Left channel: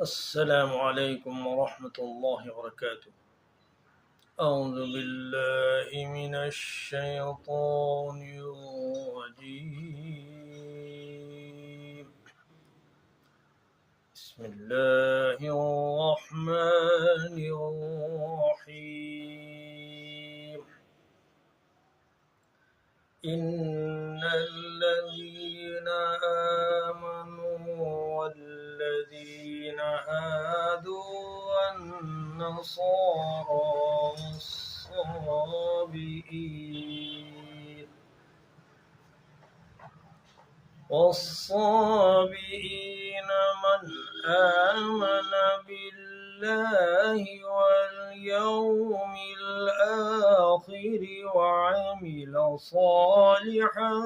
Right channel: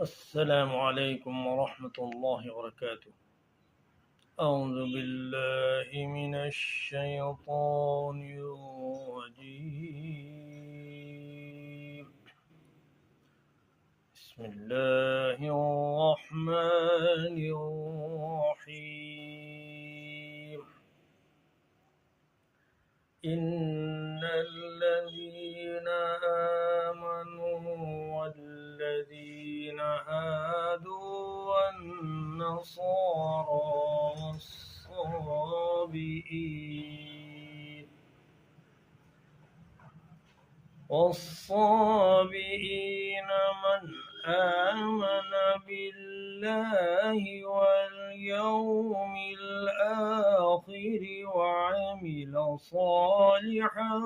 السلام عليكم ورحمة الله وبركاته. أعوذ بالله من الشيطان الرجيم. بسم الله الرحمن الرحيم. إن الذين آمنوا والذين هادوا والنصارى والصابئين من آمن بالله واليوم الآخر وعمل صالحا